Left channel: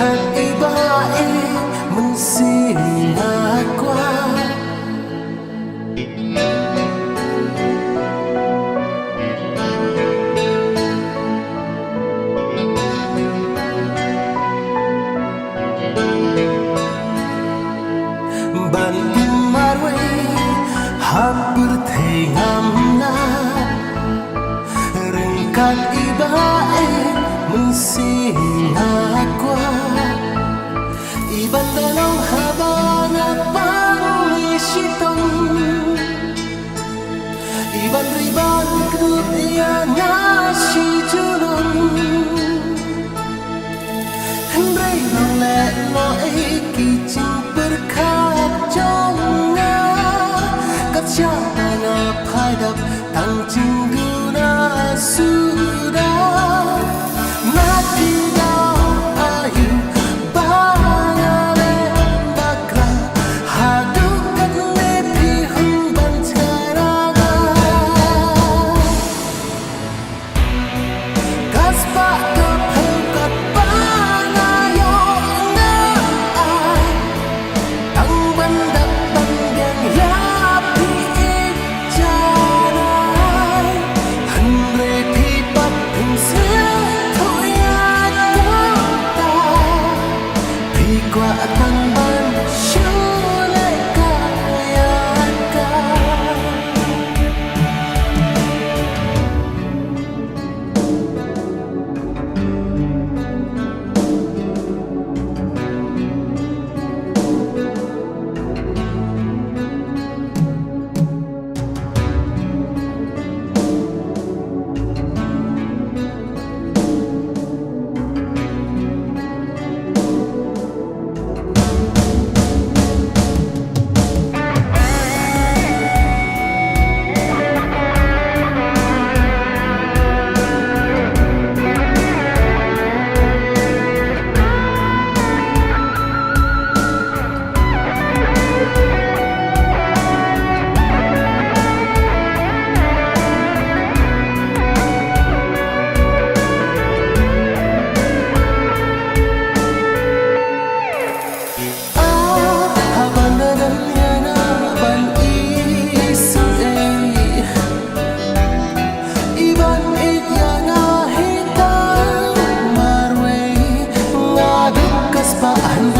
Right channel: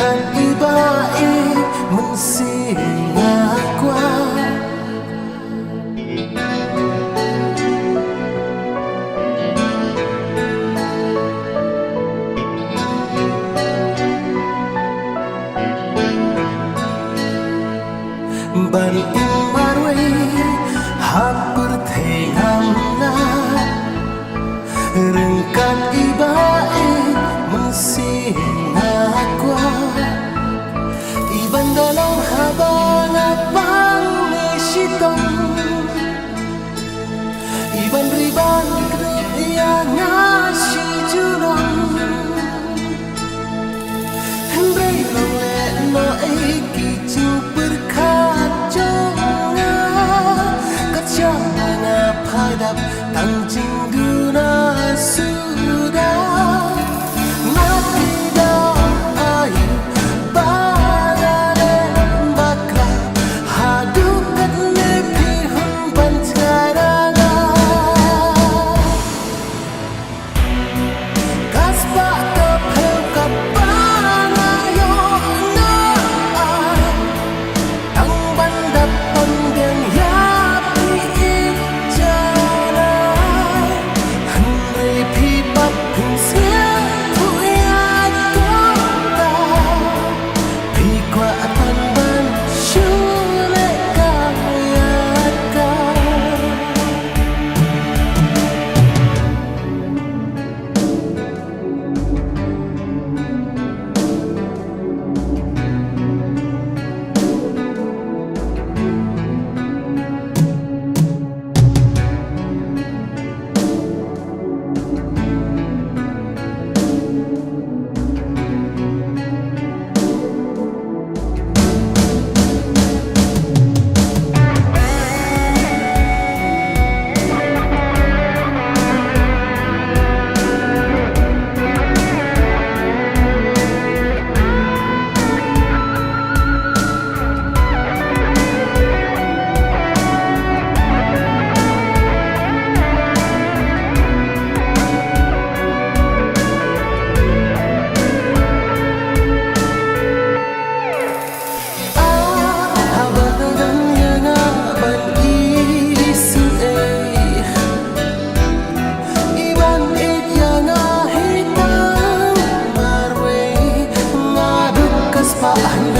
kan ibae mensinga kwa ban imarwe hapur thengamna rengkan ibae mensinga kwa iban dalam habang apang nisitong iban riban kedup yang ngasih julong hendrai long le no eki cing berkat jonga kat siapa ngapadap tang cing duna sudah ngati dong ayu bangale bakra hadukat nepi humban sekaranga kaspa kepeu kat bangayo na ay tang bandap pandiang yapi ikjanay andre pipat pingsir tuyat kota pikwa atan ban syule kayaka Paan